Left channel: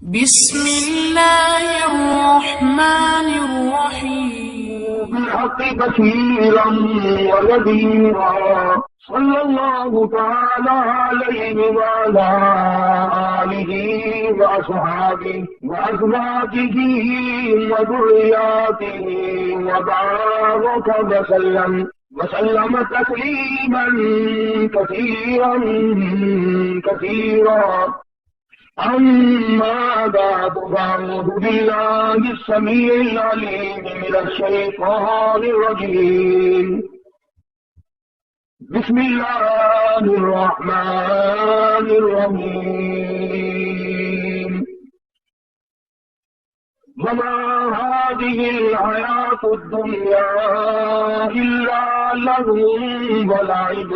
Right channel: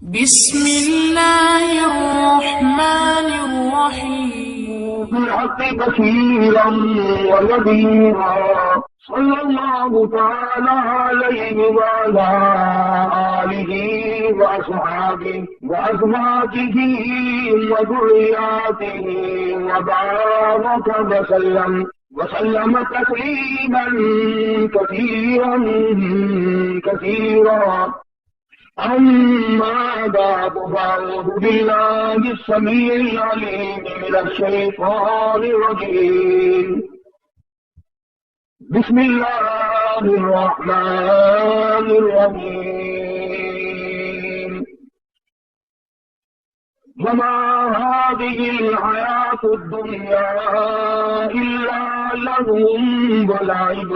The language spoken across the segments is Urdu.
بسم الله الرحمن الرحيم. بالحق بشيرا ونذيرا صلى الله تعالى عليه وعلى آله وأصحابه وأزواجه وذرياته وبارك وسلم تسليما كثيرا كثيرا. أما بعد فأعوذ بالله السميع العليم من الشيطان الرجيم. بسم الله الرحمن الرحيم. وما هذه الحياة الدنيا إلا لهو ولعب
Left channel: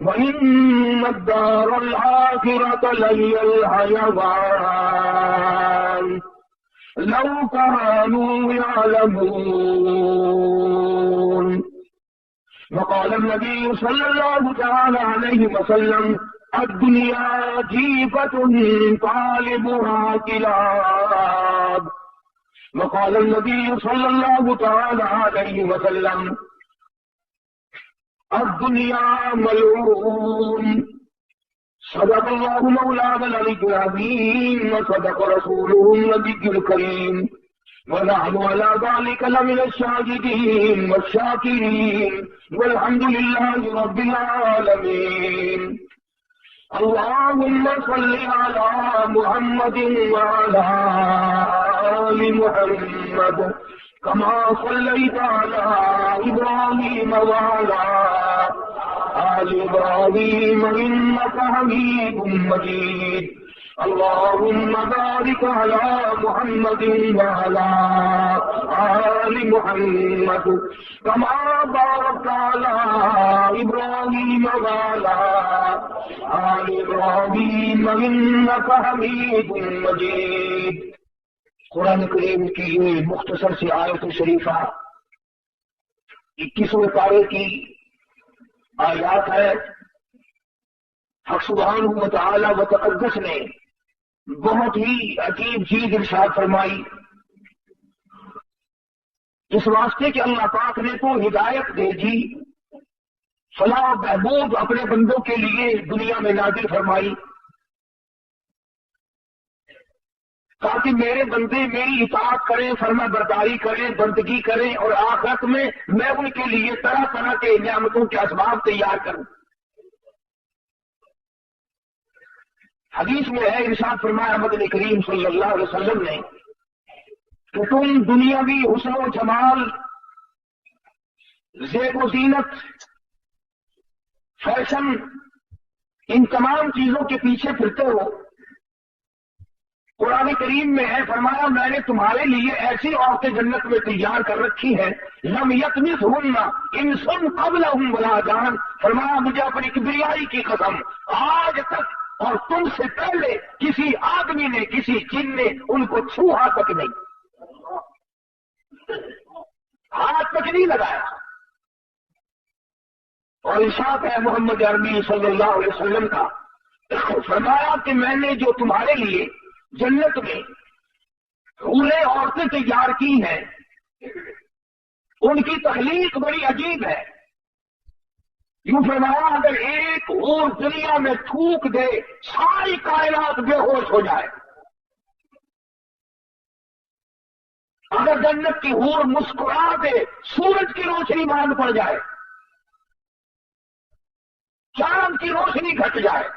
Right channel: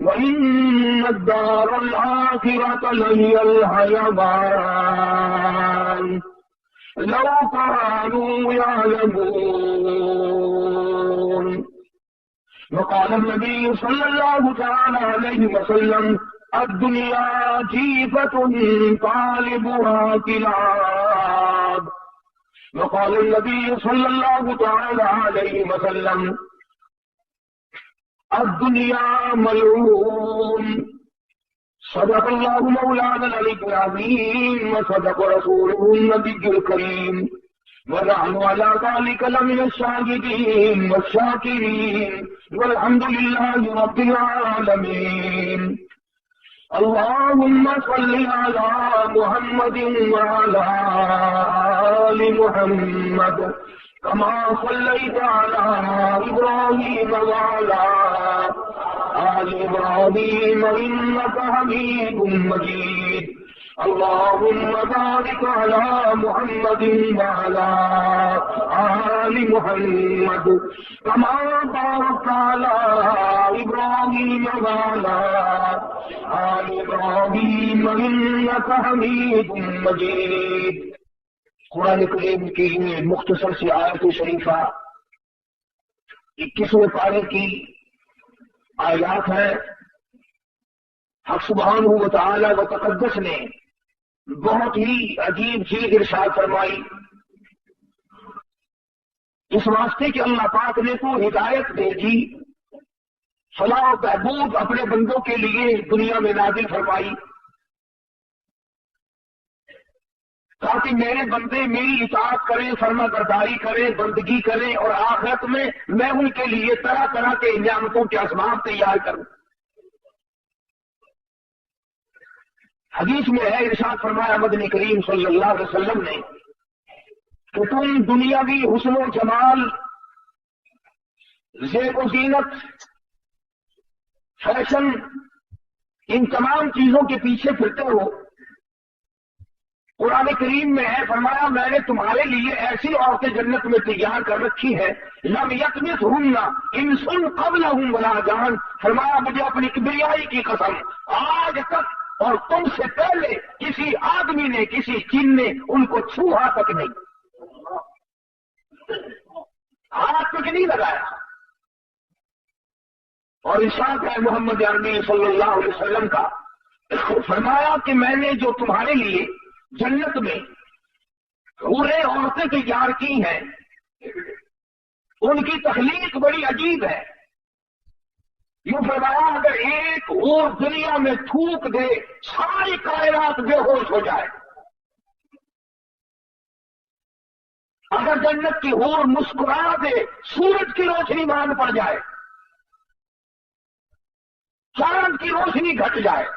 وإن الدار الآخرة لهي الحيوان لو كانوا يعلمون. وقال النبي صلى الله تعالى عليه وسلم: الدنيا جيفة طالبها كلاب. وقال النبي صلى الله تعالى عليه وسلم: الدنيا ملعون. صدق الله مولانا العلي العظيم وصدق رسوله النبي الكريم ونحن على ذلك لمن الشاهدين والشاكرين والحمد لله رب العالمين. اللهم صل على محمد وعلى آل محمد كما صليت على إبراهيم وعلى آل إبراهيم إنك حميد مجيد. اللهم بارك على محمد وعلى آل محمد كما باركت على إبراهيم وعلى آل إبراهيم إنك حميد مجيد. قرآن کریم کی مختصر سی آیت شریفہ 21ویں پارے کی آیات ہے. حق سبحانہ و تعالی و تقدس نے بہت ہی عجیب چیز ارشاد فرمائی. اس واسطے کہ اللہ پاک نے تو ہدایت بھیجی، فلاح و بہبود اپنے بندوں کے لیے دنیا میں نازل فرمائی تاکہ میرے بندے میری اطاعت کریں، فرما برداری کریں، بندگی کریں، اور آخرت میں میں ان کے لیے طرح طرح کے نعمتوں کے اسباب تیار کروں. حدیث میں ہے، ارشاد فرمایا مدنی کریم صلی اللہ علیہ وسلم نے کہ تم دنیاوی حسن و جمال، زیب و زینت، فیشن، ان تمام چیزوں کے پیچھے پھرتے ہو. قرآن کریم میں ہے، فرمایا میں نے تمہارے لیے ایسی عورتیں جنت میں تیار کر رکھی ہے لم یطمثہن انس قبلہم ولا جان. فرمایا مجھے اپنی کبریائی کی قسم، آج تک اور تم سے پہلے کسی آدمی نے، کسی جن نے ان کو چھوہا تک نہیں، ہاتھ تک نہیں لگایا. اور ارشاد ہے محمد عربی صلی اللہ علیہ وسلم کا، فرمایا کہ میں نے جو تمہارے لیے جنت میں حوریں عورتیں تیار کی ہیں ان کی تخلیق بڑی عجیب ہے. یوں فرمایا اگر ایک اور دنیا میں تھوک دے ساری کائنات بے ہوش ہو جائے. اگر جنت کی حور مسکرا دے سورج کی روشنی مانگ پڑ جائے، چاند کی روشنی گھٹ جائے.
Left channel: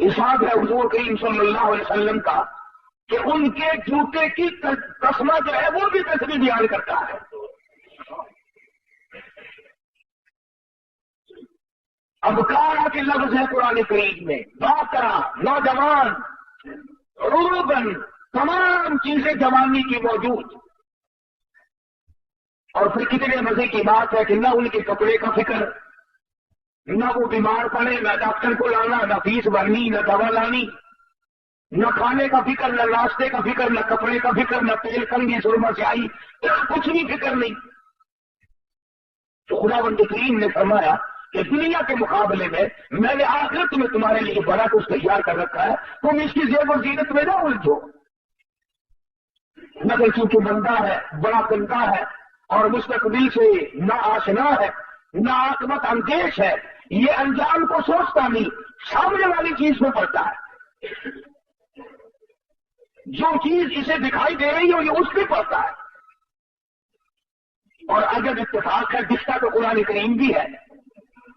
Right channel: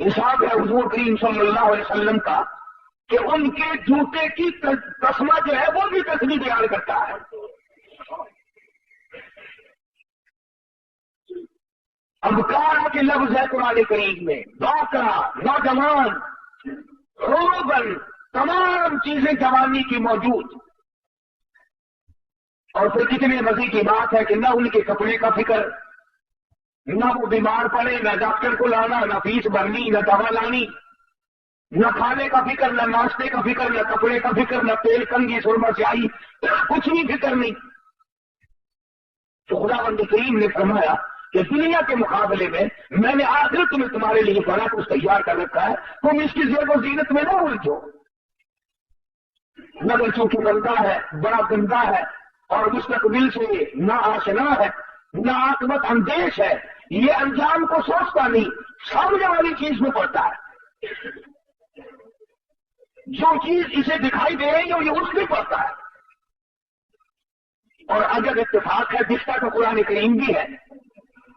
ارشاد ہے حضور کریم صلی اللہ علیہ وسلم کا کہ ان کے جوتے کی تسمہ جو ہے وہ بھی تصویر بیان کرتا ہے. ابکارا کے لفظ ہے قرآن کریم میں، باکرا، نوجوان، روبن، تمام چیزیں جوانی کی موجود. اور پھر کتنے مزے کی بات ہے کہ نہ ان کے کپڑے کا فکر، نہ وہ بیمار پڑے، نہ ڈاکٹر کو لانا، نہ فیس بھرنی، نہ دوا لانی، نہ کھانے کا فکر، نہ ناشتے کا فکر، نہ کپڑے کا فکر، نہ تیل کنگھی سرما سیاہی، کچھ بھی فکر نہیں. تو خداوند کریم نے فرمایا کہ دنیا کے مقابلے میں نے آخرت میں تمہارے لیے بڑا کچھ تیار کر رکھا ہے، تم اس کی زیب و زینت میں نہ الجھو۔ مگر چونکہ بندہ ہے، بڑا گندا ہے اور مستقبل سے نہ آشنا ہے، نہ عاقبت اندیش ہے، یہ انجام کو سوچتا نہیں، سامنے والی چیز میں پڑتا ہے۔ جو چیز اسے دکھائی دے رہی ہے یہ اس میں پڑتا ہے۔ اور اگر اتفاق ہے، دکھتا تو قرآن کریم بھی ہے،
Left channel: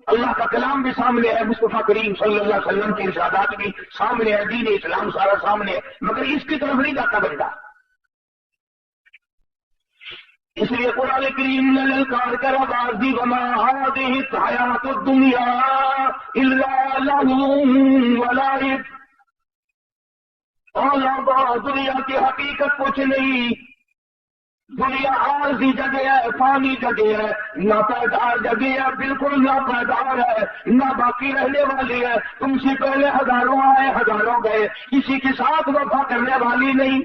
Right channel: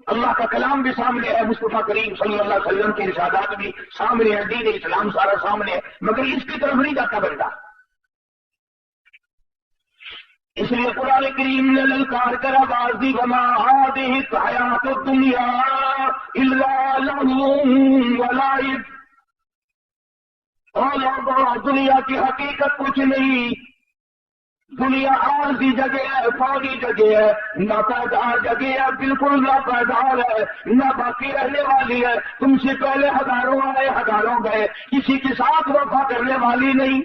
اللہ کا کلام بھی سامنے ہے، مصطفیٰ کریم صلی اللہ علیہ وسلم کے ارشادات بھی سامنے ہے، دین اسلام سارا سامنے ہے، مگر اس کی طرف نہیں جاتا بندہ۔ اس لیے قرآن کریم نے للکار کر آواز دی، وما هذه الحیات الدنیا الا لهو ولعب، اور لوگوں دنیا کی حقیقت کچھ نہیں، دنیا عارضی جگہ ہے، فانی جگہ ہے، نہ پائیدار جگہ ہے، بالکل نہ پائیدار ہے، نہ باقی رہنے والی ہے۔ تم سے پہلے ہزاروں آئے، ہزاروں گئے، کسی کے ساتھ وفا کرنے والی نہیں۔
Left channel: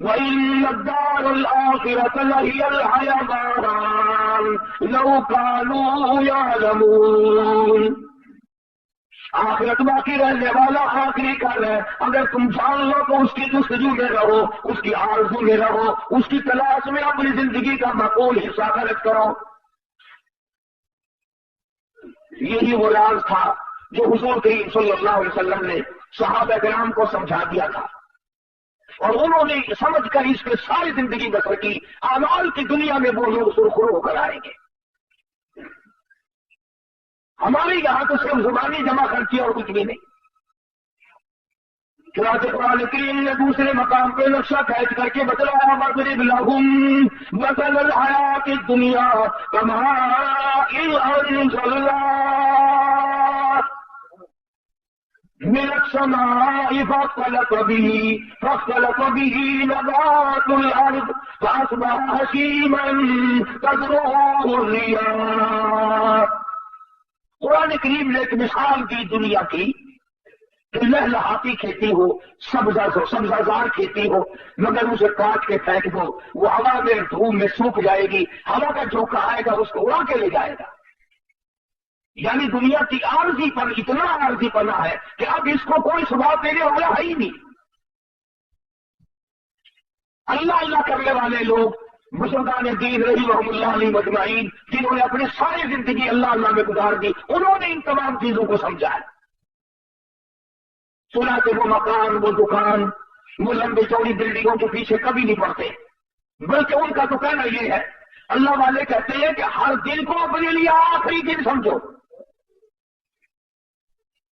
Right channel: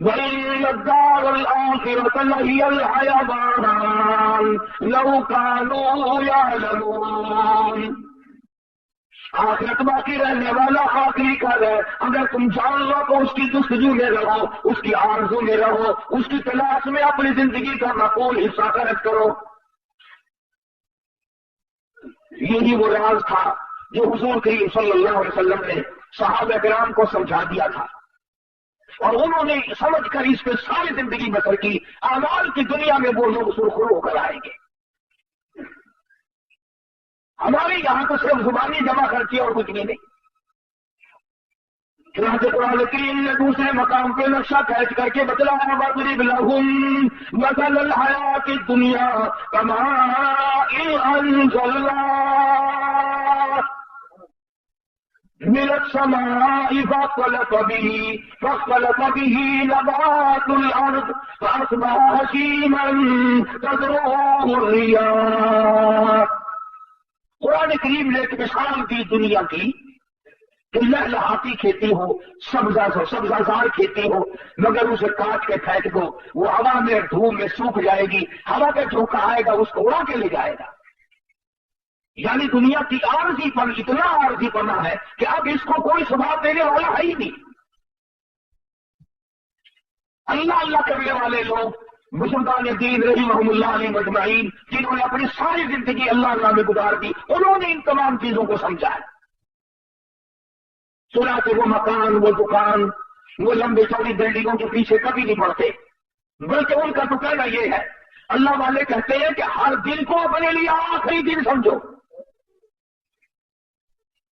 وَإِنَّ الدَّارَ الْآخِرَةَ لَهِيَ الْحَيَوَانُ لَوْ كَانُوا يَعْلَمُونَ، آخرت باقی رہنے والا آخری گھر ہے، اگر تم جان لو تو اس کی جستجو میں رہو، اس کی آرزو میں رہو، اس کی تلاش میں اپنی زندگی کا معقول حصہ خرچ کرو۔ یہی وہ راز تھا جو حضور کریم صلی اللہ علیہ وسلم نے صحابہ کرام کو سمجھا دیا تھا، اور انہوں نے سمجھ کر اس پہ ساری زندگی بسر کی۔ اعمال کی دنیا میں وہ لوگ سرخرو ہو کر آئیں گے۔ ہمارے یہاں تو صرف زبانی جمع خرچی اور کچھ بھی نہیں۔ چنانچہ قرآن کریم نے دوسرے مقام پہ نقشہ کھینچ کر کے بتلایا، وَاضْرِبْ لَهُم مَثَلَ الْحَيَاةِ الدُّنْيَا كَمَاءٍ أَنزَلْنَاهُ مِنَ السَّمَاءِ فاختلط به نبات الأرض فأصبح هشيما تذروه الرياح۔ قرآن کریم نے ایک مثال دی دنیا کی کہ لہلہاتی کھیتی ہو، سبزہ کھیتی ہو، مگر اسے کاٹ کے پھینک دو، وہ ہوا میں دھوپ میں سوکھ جائے گی، ہوا کا جھونکا آئے گا اس کو اڑا کے لے جائے گا۔ یعنی دنیا کی عارضی پن اتنا عارضی پنا ہے کہ اب اس کو کوئی ثبات دینے والا ہے ہی نہیں۔ اللہ کرنے والے لوگ بزرگان دین رحمہم اللہ علیہ مجمعین، جنہوں نے اپنے ساری زندگی اللہ میں گزار دی، انہوں نے ان تمام چیزوں کو سمجھا ہے۔ سنا کہ وہ مکان، وہ دکان، وہ لمبے چوڑی بلڈنگوں کے پیچھے کبھی نہیں پڑتے، بلکہ ان کا تو کہنا یہ ہے، اللہ والے کہتے ہیں کہ ہر دن کو اپنے لیے آخری دن سمجھو۔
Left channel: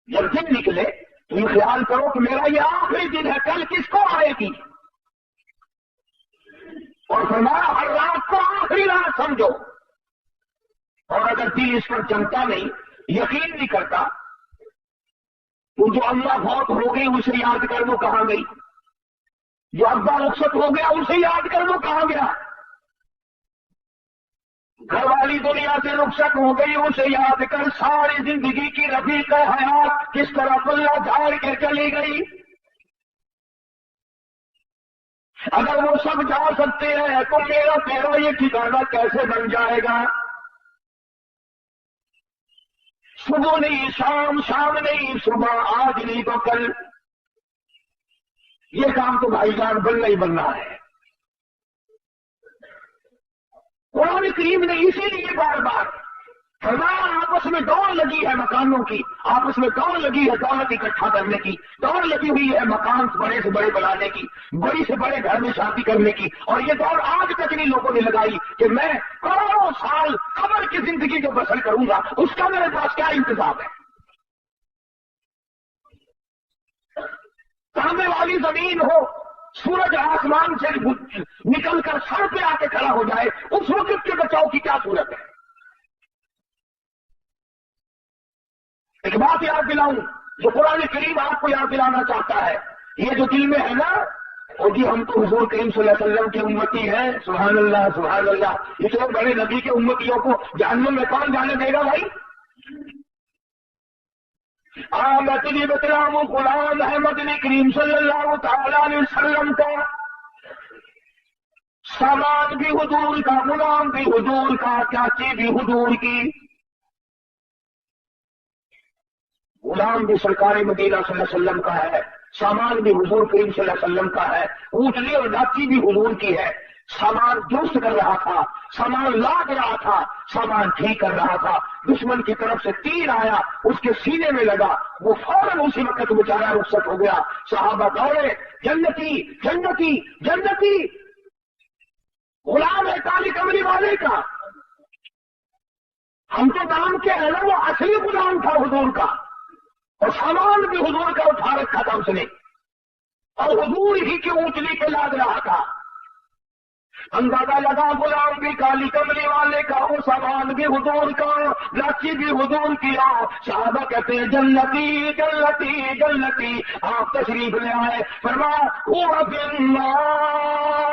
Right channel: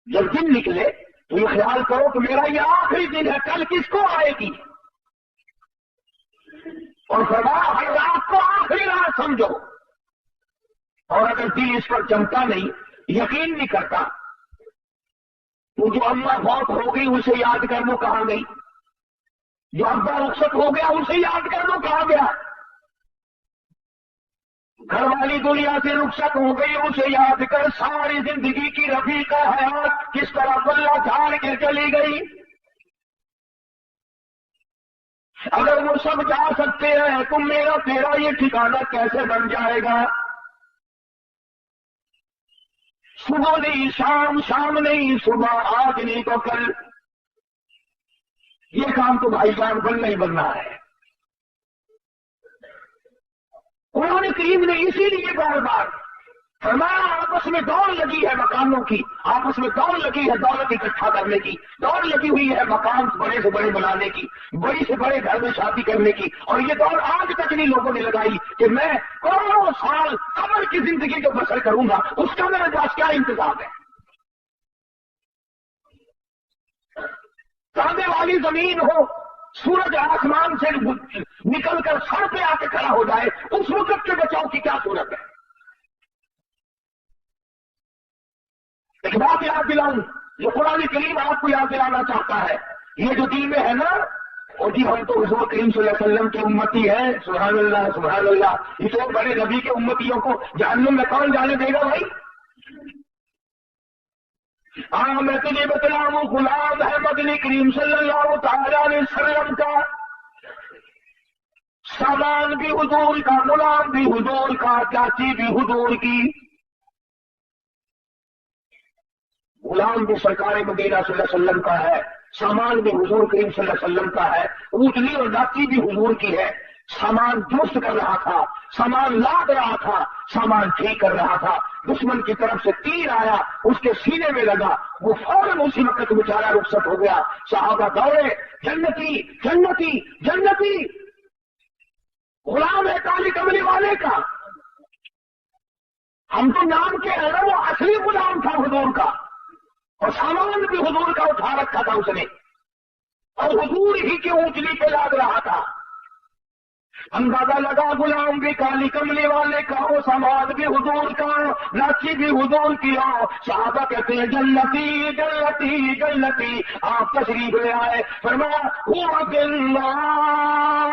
جب دن نکلے تو یہ خیال کرو کہ میرا یہ آخری دن ہے، کل کس کو آئے گی، اور فرمایا ہر رات کو آخری رات سمجھو۔ اور اگر دل اس پر جمتا نہیں، یقین نہیں کرتا، تو جو اماں فوت ہو گئی اسے یاد کر وہ کہاں گئی، جو ابا رخصت ہو گیا اسے یاد کر وہ کہاں گیا، گھر والی دنیا سے رخصت ہو گئی اسے یاد کر ساری زندگی کی رفیقہ حیات کس طرح پلہ جھاڑ کے چلی گئی۔ اگر وہ سب جا سکتے ہیں تو میرا تیرا یہ ٹھکانہ کیسے بن جائے گا؟ صبح نہیں شام، شام نہیں صبح، آج نہیں تو کل، یہ کام تو بھائی جان بننا ہی بننا ہے۔ قرآن کریم نے اسی لیے بار بار ہمارا آپس میں دوڑ لگی ہے مکانوں کی، آپس میں دوڑ لگی ہے دولت اکٹھا کرنے کی، دوڑ لگی ہوئی ہے مکان بڑے سے بڑے بنانے کی، بڑی سے بڑے گھر میں شادی کرنے کی، اور یہ دوڑ آج تک نہیں لوگوں نے لگائی کہ میں کروڑوں سال قبر کی زندگی جو بسر کروں گا اس کا میرے پاس کیا انتظام ہے۔ سامنے والی زمین ہو، سورج آسمان سے نکل کر سر پہ آ کے کھڑا ہو جائے، اس وقت کے بچاؤ کی کیا صورت ہے؟ ایک بات یاد دلاؤں جو قرآن کریم آپ کو یاد دلانا چاہتا ہے، یہ جو دل میں ہے نا، وہ جی ہم تو حضور کریم صلی اللہ علیہ وسلم کی امتی ہیں، سبحان اللہ سبحان اللہ، اتنے بڑے نبی کی امتیوں کو جہنم میں کون جانے دے گا بھائی؟ میں تجھے بتلاؤں غلام ہے مدنی کریم صلی اللہ تعالی علیہ وسلم کا، سامان بھی حضور کا، غلام بھی حضور کا، چاچی بھی حضور کی، غلام بھی سرکار مدینہ صلی اللہ علیہ وسلم کا ہے، سامان بھی حضور کریم صلی اللہ علیہ وسلم کا ہے، اونٹنی اور ڈاچی بھی حضور کی ہے۔ سامان درست کر رہا تھا، سامان لاد رہا تھا، سامان ٹھیک کر رہا تھا، دشمن کی طرف سے تیر آیا، اس کے سینے میں لگا، وہ فوراً اسی وقت بیچارہ رخصت ہو گیا۔ صحابہ دوڑے، جنتی جنتی جنتی، غلام ہے کالی کملی والے کا، ہم تو نام کے ہیں نا، وہ اصلی غلام تھا حضور کا، اور سامان بھی حضور کا اٹھا رکھا تھا اس نے، اور حضور ہی کی اونچلی پہ لاد رہا تھا۔ اندازہ لگا غلام بھی کالی کملی والے کا ہو، سامان بھی حضور کا، لاچی بھی حضور کی ہو۔ صحابہ کہتے ہیں جنتی جنتی جنتی، آپ تشریف لے آئے، فرمایا ہوا فی النار،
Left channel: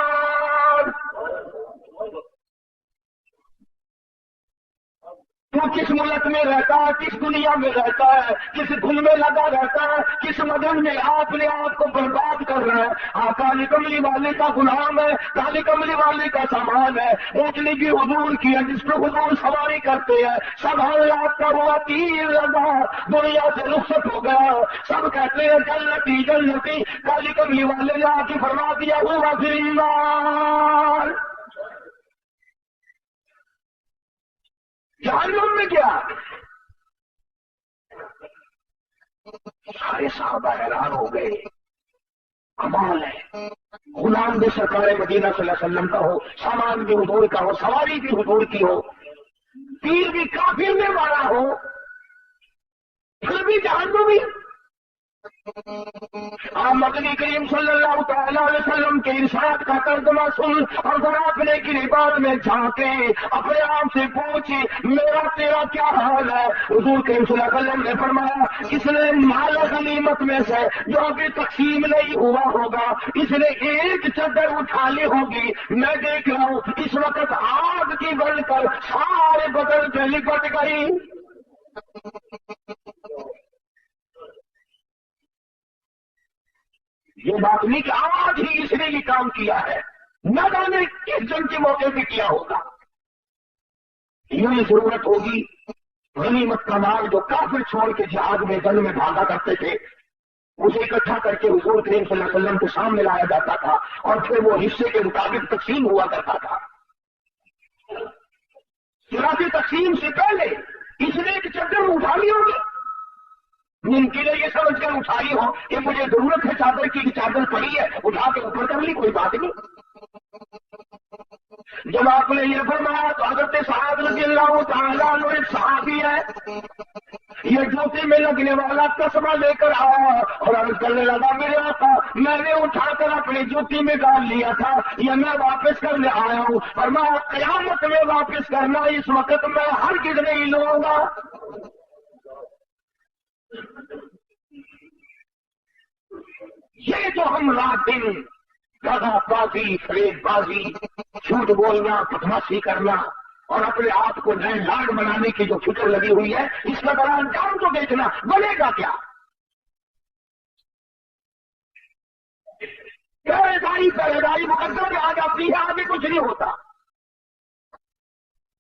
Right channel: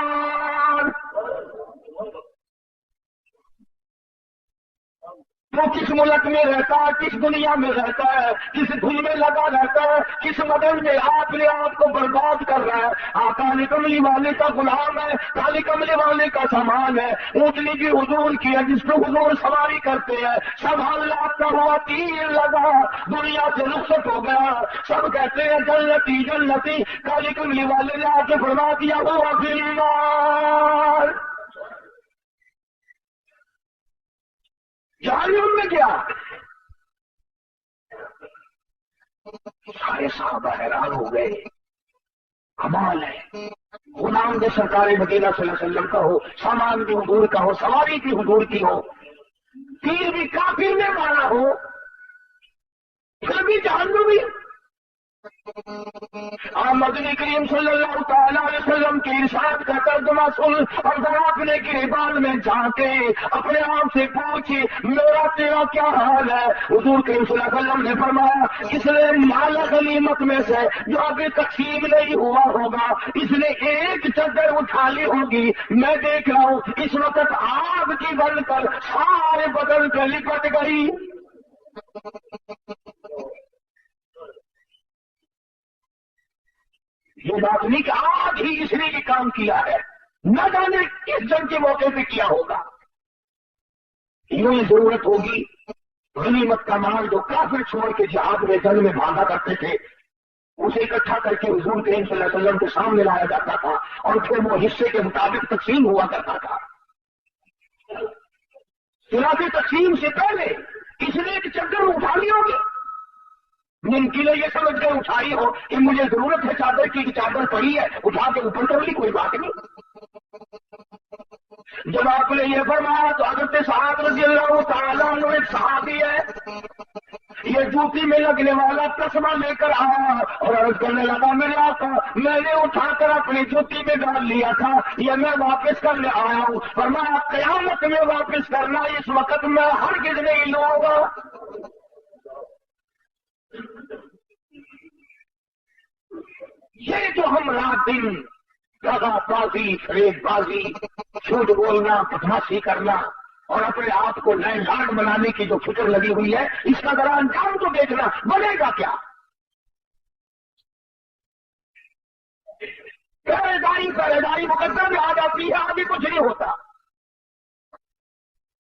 تو کس ملک میں رہتا ہے، کس دنیا میں رہتا ہے، کس دھن میں لگا رہتا ہے، کس مدن میں آپ نے آپ کو برباد کر رہا ہے۔ کالی کملی والے کا غلام ہے، کالی کملی والے کا سامان ہے، اونٹنی بھی حضور کی ہے جس پہ حضور سواری کرتے ہیں۔ سب حالات کا ہوا تیر لگا، دنیا سے رخصت ہو گیا، سب کہتے ہیں جنتی جنتی، کالی کملی والے نے آ کے فرما دیا ہوا فی النار، جہنم میں کیا؟ سارے صحابہ حیران ہو گئے، کمال ہے، غلام بھی سرکار مدینہ صلی اللہ علیہ وسلم کا ہو، سامان بھی حضور کا ہو، سواری بھی حضور کی ہو، تیر بھی کافر نے مارا ہو، پھر بھی جہنمی۔ آپ مدنی کریم صلی اللہ تعالیٰ علیہ وسلم کے ارشاد کا ترجمہ سن اور ذرا اپنے گریبان میں جھانکے، اپنے آپ سے پوچھے میرا تیرا کیا حال ہے؟ حضور کریم صلی اللہ علیہ وسلم نے فرمایا اس نے مال غنیمت میں سے جو ابھی تقسیم نہیں ہوا ہوگا، اس نے ایک چادر اٹھا لی ہوگی، میں دیکھ رہا ہوں اس وقت آگ کی بن کر سارے بدن سے لپٹ گئی۔ یہ بات نہیں کہ آج ہی اس نے یہ کام کیا ہے، نہ جانے کس جنگ کے موقع پہ کیا ہوگا۔ یہ ضرورت ہوگی غنیمت کا مال جو کافر چھوڑ کے جہاد میں جنگ میں بھاگا کرتے تھے، اسے اکٹھا کر کے حضور کریم صلی اللہ علیہ وسلم کے سامنے لایا جاتا تھا، اور پھر وہ حصے کے مطابق تقسیم ہوا کرتا تھا۔ چنانچہ تقسیم سے پہلے اس نے ایک چادر اٹھا لی ہوگی، ممکن ہے یہ سمجھ کر اٹھائی ہو کہ مجھے ضرورت ہے چادر کی، چادر پڑی ہے اٹھا کے اوپر کر لی، کوئی بات نہیں۔ جب آپ نے یہ فرمایا تو حضرت سعد رضی اللہ تعالیٰ عنہ ایک صحابی ہے، یہ جوتی میں لگنے والا تسمہ لے کر آیا اور عرض کرنے لگا میرے آقا میں نے اٹھا کر اپنی جوتی میں ڈال لیا تھا، یہ میں واپس کرنے آیا ہوں۔ فرمایا قیامت میں واپس کرنا، اس وقت میں ہرگز نہیں لوں گا۔ یہ جو ہم رات دن دغا بازی، فریب بازی، جھوٹ بولنا، بدماشی کرنا اور اپنے آپ کو نئے لاڈ بنانے کی جو فکر لگی ہوئی ہے، اس کا ذرا انجام تو دیکھنا، بنے گا کیا؟ پہریداری مقدر میں آ جاتی ہے، آگے کچھ نہیں ہوتا۔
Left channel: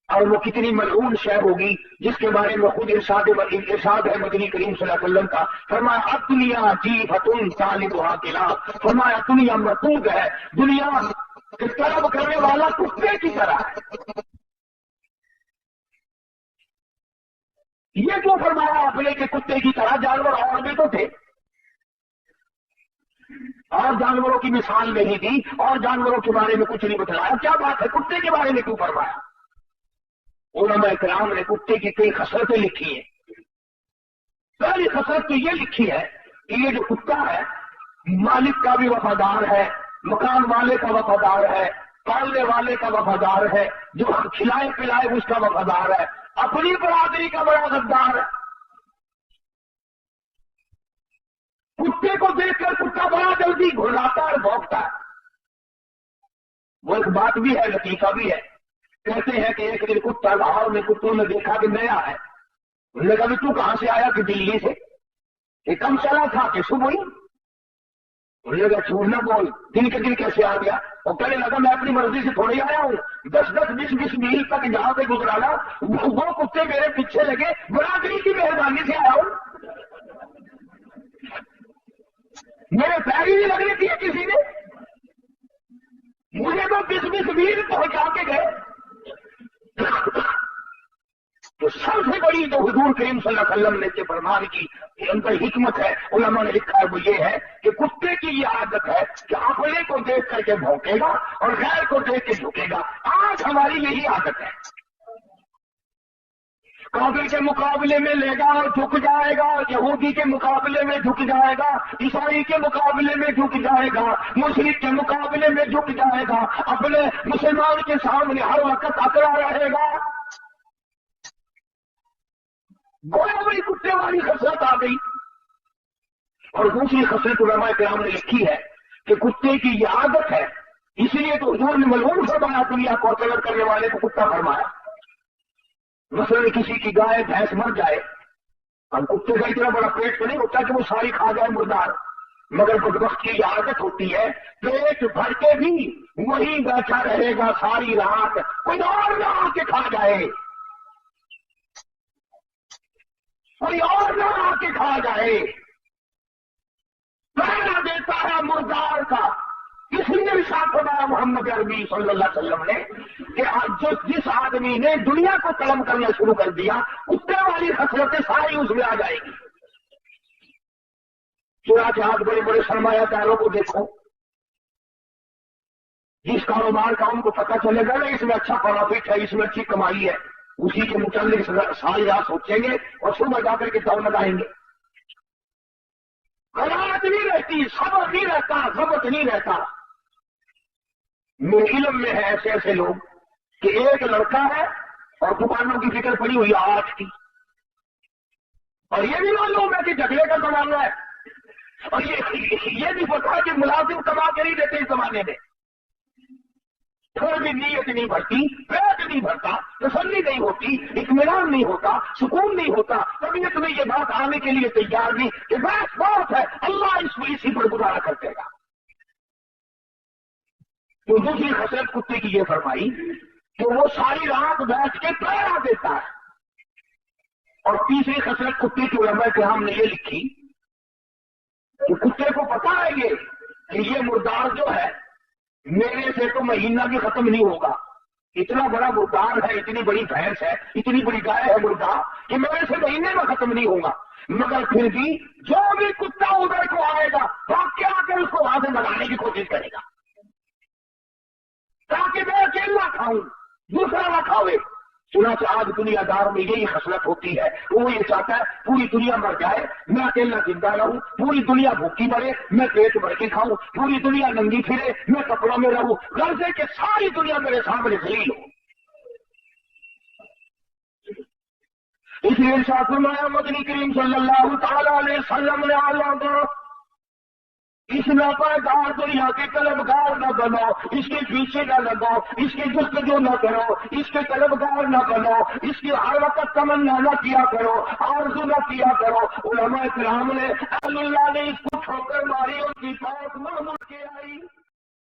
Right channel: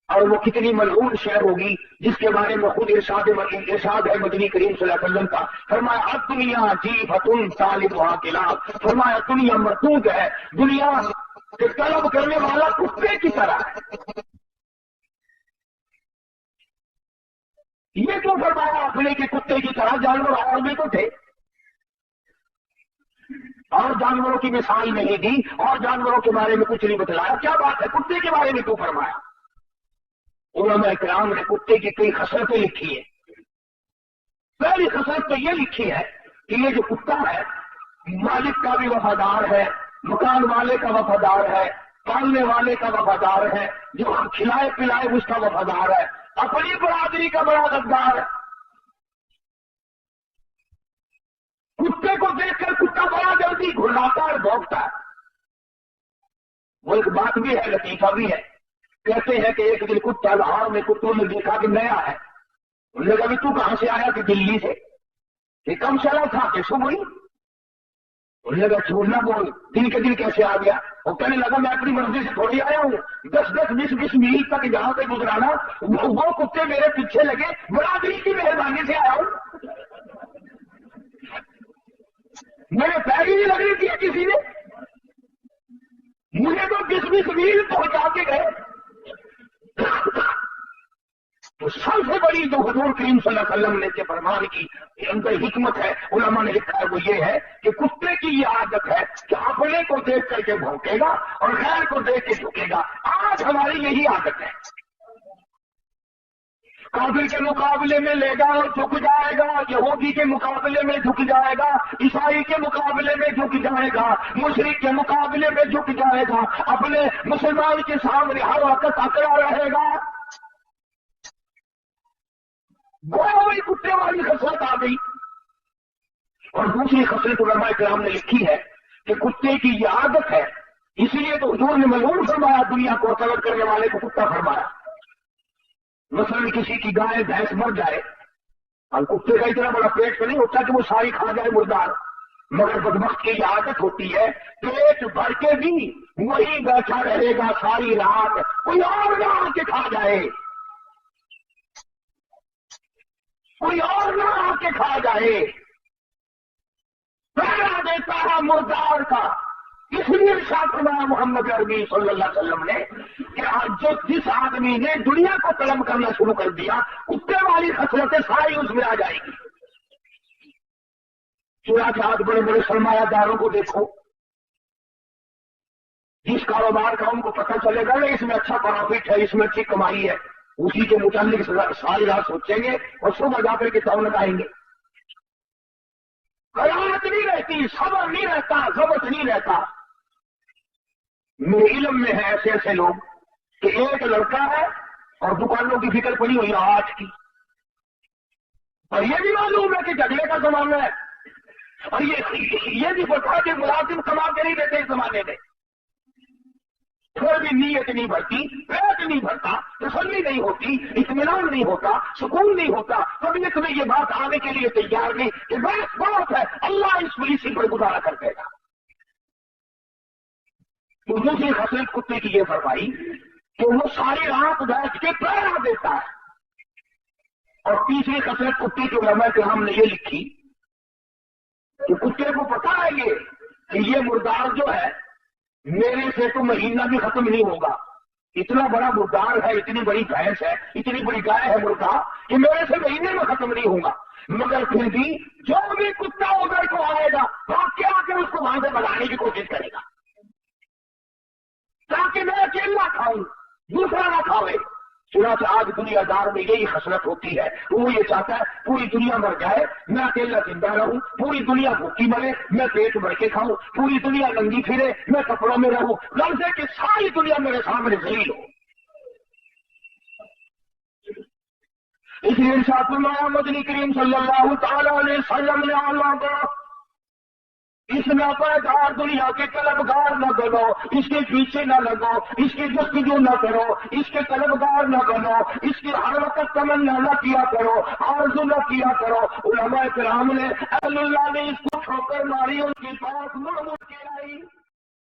اور وہ کتنی ملعون شے ہوگی جس کے بارے میں خود ارشاد ہے مدنی کریم صلی اللہ علیہ وسلم کا، فرمایا اب دنیا جیفتن طالبها کلاب، فرمایا دنیا مردود ہے، دنیا طلب کرنے والا کتے کی طرح ہے۔ یہ کیوں فرمایا آپ نے کہ کتے کی طرح؟ جانور اور بھی تو تھے، اور جانوروں کی مثال نہیں دی اور جانوروں کے بارے میں کچھ نہیں بتلایا، کیا بات ہے کتے کے بارے میں کیوں فرمایا؟ علماء کرام نے کتے کی کئی خصلتیں لکھی ہیں۔ پہلی خصلت تو یہ لکھی ہے کہ یہ جو کتا ہے مالک کا بھی وفادار ہے، مکان والے کا وفادار ہے، پالنے والے کا وفادار ہے، جو ہم کھلائے پلائے اس کا وفادار ہے، اپنی برادری کا بڑا غدار ہے۔ کتے کو دیکھ کر کتا بڑا جلدی گھلاتا اور بھونکتا ہے۔ وہ ایک بات بھی ہے، لطیفہ بھی ہے، کہتے ہیں کہ ایک دن کتا لاہور میں کتوں نے دیکھا کہ نیا ہے، انہوں نے کہا کہ تو کہاں سے آیا؟ کہ دلی سے۔ کہ کم چلا تھا کہ صبح ہی؟ انہوں نے کہا جھوٹ نہ بول، دل کے دل کیسے آ گیا؟ وہ کہنے لگا میں اپنی مرضی سے تھوڑی آیا ہوں، 10-20 میل تک جہاں پہ گزرانا وہ کتے میرے پیچھے لگے، برادری کی مہربانی سے آیا ہوں، میرے پیر ہی نہیں لگنے دیے کسی نے، مجھے تو 20 میل پہنچا کے گئے۔ تو سب سے بڑی جو حضور کریم صلی اللہ علیہ وسلم نے جو فرمان کی اندر حکمت ہے، علماء نے لکھا ہے وہ یہ ہے کہ کتے کی یہ عادت ہے کہ اپنے کو دیکھ کر کے بھونکے گا اور غیر کو دیکھ کے جھکے گا۔ آج ہماری یہی عادت ہے، کافر کے مقابلے میں لے گا اور جھک جائے گا، یہودی کے مقابلے میں جھک جائے گا، عیسائی کے مقابلے میں جھک جائے گا، مشرک کے مقابلے میں جھک جائے گا، اپنے مسلمان کے سامنے ہر وقت اکڑا رہے گا۔ گویا وہی کتے والی خصلت آ گئی۔ اور دوسری خصلت علماء کرام نے لکھی ہے کہ کتے کی یہ عادت ہے، اسی لیے تو حضور نے ملعون فرمایا، دنیا کو طلب کرنے والے کو کتا فرمایا۔ مثلاً کسی کی گائے بھینس مر جائے، کتے کا اتنا بڑا پیٹ تو نہیں ہوتا کہ وہ ساری کھا جائے مردار، مگر بدبخت کی یہ عادت ہوتی ہے پیٹ بھر کے بھی وہیں بیٹھا رہے گا ساری رات، کوئی اور نہ آ کے کھا جائے، کوئی اور نہ آ کے کھا جائے، پہرا دیتا ہے مردار کا۔ اس لیے ارشاد فرمایا محمد عربی صلی اللہ علیہ وسلم نے کہ آج جس آدمی نے دنیا کو طلب کرنا شروع کر دیا، کتے والی خصلتیں ساری اس میں آ جائے گی۔ چنانچہ آج بڑے بڑے سرمایہ داروں کو دیکھو، جس کاروبار کا ان کو پتہ چلے گا نا اس میں اچھا پروفٹ ہے، اس میں اچھی کمائی ہے، اسی کے متعلق ساری رات سوچیں گے اور صبح جا کر کے دم لگائیں گے۔ قناعت نہیں رہتی، صبر نہیں رہتا، ضبط نہیں رہتا۔ میرے علم میں ہے ایسے ایسے لوگ کہ ایک لڑکا ہے اور دکانوں کی فکر پڑی ہوئی ہے آج کی، اور یہ بھی معلوم ہے کہ جھگڑے کا زمانہ ہے، اور یہ بھی پتا ہے کہ ملازم کما کے نہیں دیتے اس زمانے میں، تھوڑی بھی نیت نہیں بھرتی، پیٹ نہیں بھرتا، تسلی نہیں ہوتی، اطمینان نہیں ہوتا، سکون نہیں ہوتا، طبیعت میں یہ بات آنے کے لیے تیار نہیں کہ بس بہت ہے، اللہ اس کو اسی پر گزارا کر دے گا۔ تو دوسری خصلت کتے کی یہ فرمائی کہ وہ ساری رات بیٹھ کے پہرا دیتا ہے۔ اور تیسری خصلت کتے کے علماء کرام نے یہ لکھی کہ کتے کو پتا ہے کہ یہ مردار جو ہے میرے سے تو مہینہ بھی ختم نہیں ہوگا، اتنا بڑا مردار ہے، اتنی بڑی بھینس ہے، اتنی بڑی گائے ہے مردار کہ میرے سے مہینے میں ختم نہیں ہوگا، مگر پھر بھی جو بھی کتا ادھر کو آئے گا وہ کیا کر اس کو وہاں سے بنانے کی کوشش کرے گا تاکہ میں اکیلا کھاؤں، دوسرا نہ کھاوے۔ چنانچہ آج دنیا دار میں یہی خصلت ہوتی ہے، وہ یہ چاہتا ہے پوری دنیا مر جائے میں اکیلا زندہ رہوں، پوری دنیا بھوکی مرے میں پیٹ بھر کے کھاؤں، پوری دنیا ننگی پھرے میں کپڑوں میں رہوں، غرض کہ ساری دنیا میرے سامنے ذلیل ہو۔ اس لیے ارشاد فرمایا مدنی کریم صلی اللہ تعالی علیہ وسلم نے اللہ اس ناپائیدار دنیا کے طلبگار نہ بنو، اس کے پیچھے نہ لگو، اس کی جستجو نہ کرو، اس کے طلبگار نہ بنو، اس کی ہر وقت تمنا نہ کیا کرو، آرزو نہ کیا کرو۔ علماء کرام نے اہل اللہ نے اس کو ٹھوکر ماری، ان کی بات مڑ مڑ کے آئی۔